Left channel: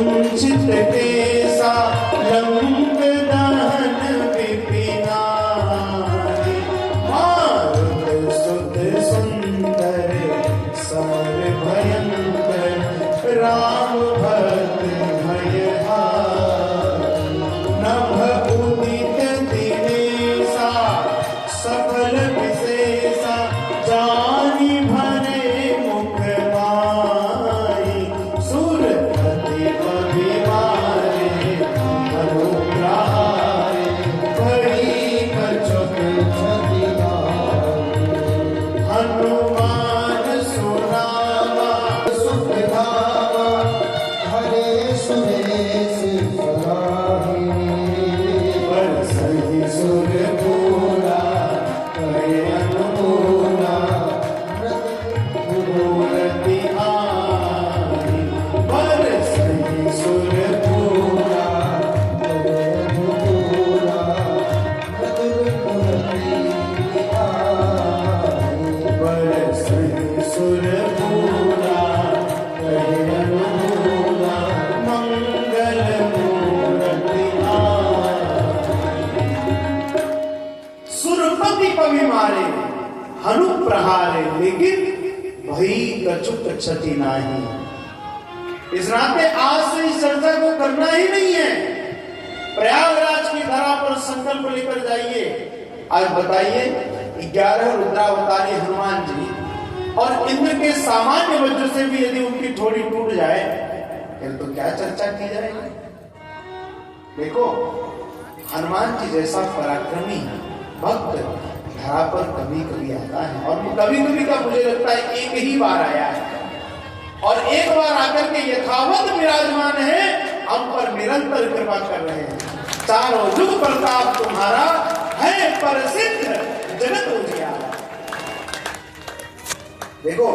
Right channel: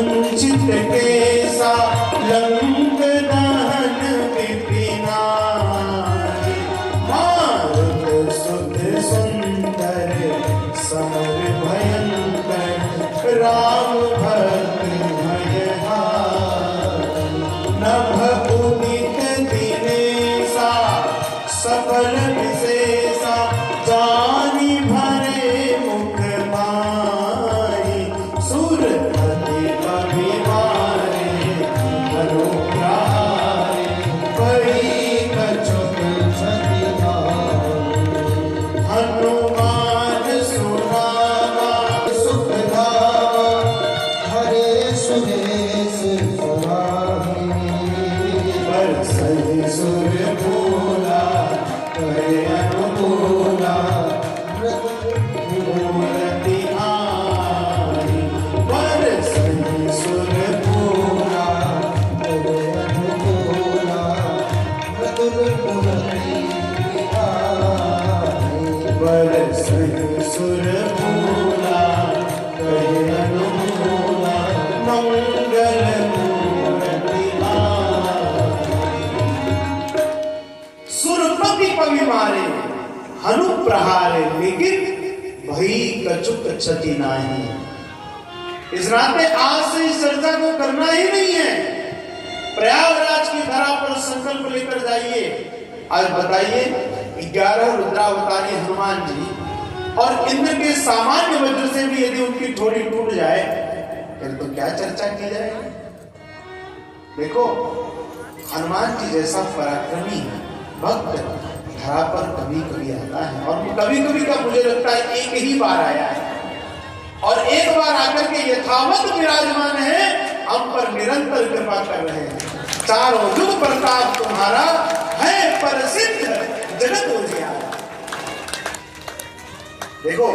कुंचित केसा लंक दहन विपिनारि मारुत सुत सुंदर सम भयंकर राम भक्त भयहारी नभ उदित दिनेसा सफल विशेषा जानी भरे मुख माई सुर पति अभिवारे अनुग्रहारे कई कछुक छतिनारी हनुमान सुनावा सुख धावा हरे सुरेश सराही बरसहि सुर भूला करे अनुकूला मूर्ति आरी बरसहि सुर भूला करे अनुकूला मूर्ति आरी बरसहि सुर भूला करे अनुकूला मंगल मूर्ति आरी सुरपति पवि मारे हनु प्रहारे लेकिन भई कछुक छति नाही। इस नाते आज से इस चर्चा को करना ही नहीं है। प्रयागराज की धरा पर संकल्प लेकर जाइए। आज बताइए 11 रुद्रावतारी हनुमान जी और इंद्र के सामान्य वज्र से भी यदि उनकी ठोड़ी टूट जाए फिर तो क्या चर्चा की जाएगी। देखो हनुमान जी जैसा पराक्रमी भक्त धरा पर कभी कभी आता है और कभी कभी का मुझे लगता है एक ही बार आया है और एक बार आकर के यथावत विराजमान है, हम पर निरंतर कृपा कर रहे हैं। चारों युग प्रताप तुम्हारा है प्रसिद्ध जगत उजियारा। देखो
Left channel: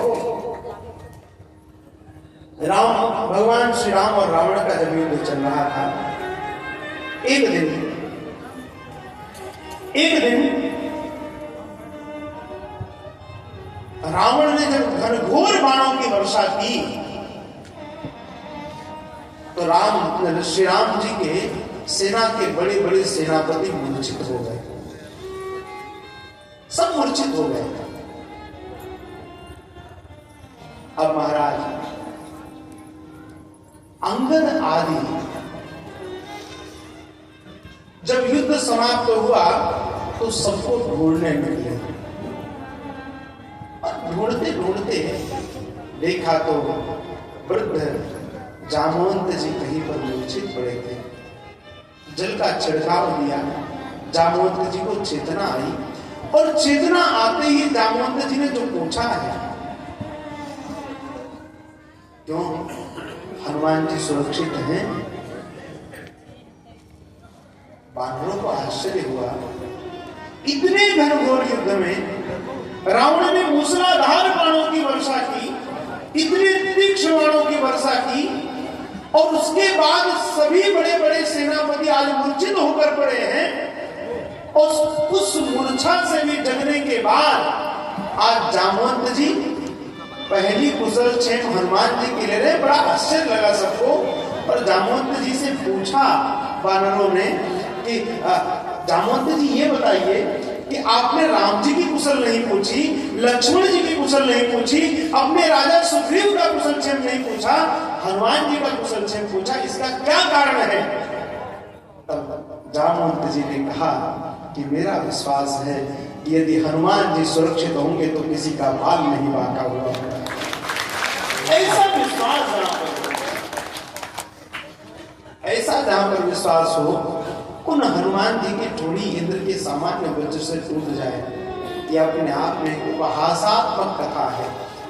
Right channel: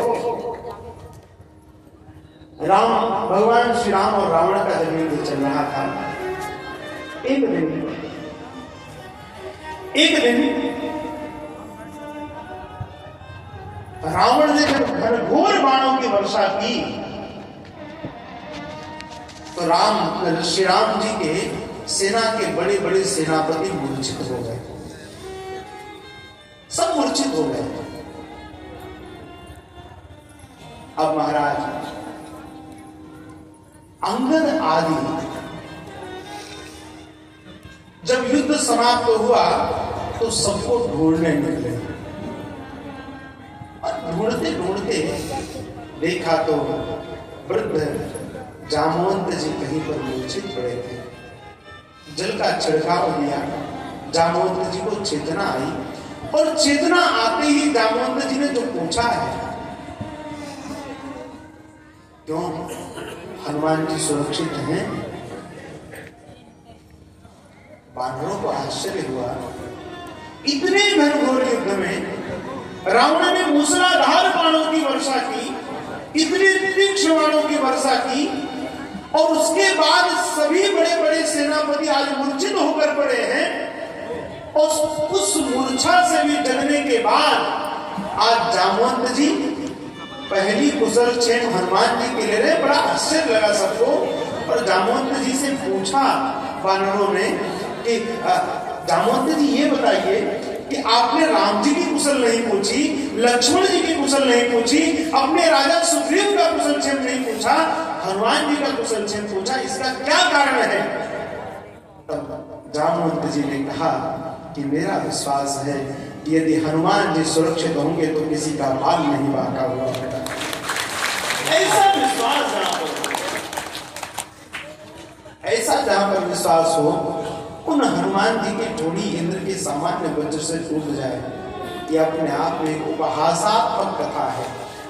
राम भगवान श्री राम और रावण का जब युद्ध चल रहा था, एक दिन रावण ने जब घनघोर बाणों की वर्षा की तो श्री राम जी के सेना के बड़े बड़े सेनापति मूर्छित हो गए, सब मूर्छित हो गए। अब महाराज अंगद आदि जब युद्ध समाप्त हुआ तो सबको ढूंढने निकले और ढूंढते ढूंढते देखा तो वृद्ध जामवंत जी कहीं पर मूर्छित पड़े थे। जल का छिड़काव दिया, जामवंत जी को चेतना आई और चेतना आते ही जामवंत जी ने जो पूछा है, क्यों हनुमान जी सुरक्षित हैं? वानरों को आश्चर्य हुआ। इतने घनघोर युद्ध में रावण ने मूसलाधार बाणों की वर्षा की, इतने तीक्ष्ण बाणों की वर्षा की और उसके बाद सभी बड़े बड़े सेनापति आज मूर्छित होकर पड़े हैं और उस मूर्छा से भी जगने के बाद आज जामवंत जी पहली कुशल क्षेम हनुमान जी के ले रहे। बड़ा आश्चर्य लगा सबको और जामवंत जी से पूछा वानरों ने कि जामवंत जी ये बताइए कि आपने राम जी की कुशल नहीं पूछी, लक्ष्मण जी की कुशल नहीं पूछी, अपने राजा सुग्रीव का कुशल क्षेम नहीं पूछा, हनुमान जी का कुशल क्षेम पूछा, इसका क्या कारण है? तब जामवंत जी ने कहा कि मेरा विश्वास है कि यदि हनुमान जी सुरक्षित होंगे तो किसी का बाल नहीं बांटा हुआ है। ऐसा जहां पर विश्वास हो, उन हनुमान जी की ठोड़ी इंद्र के सामान्य वज्र से टूट जाए, यह अपने आप में उपहासात्मक कथा है।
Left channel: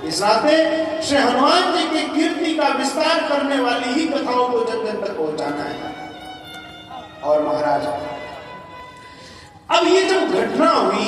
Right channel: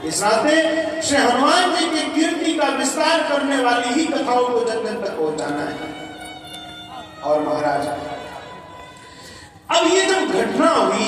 इस नाते श्री हनुमान जी की कीर्ति का विस्तार करने वाली ही कथाओं को जन जन तक पहुंचाना है। और महाराज अब ये जब घटना हुई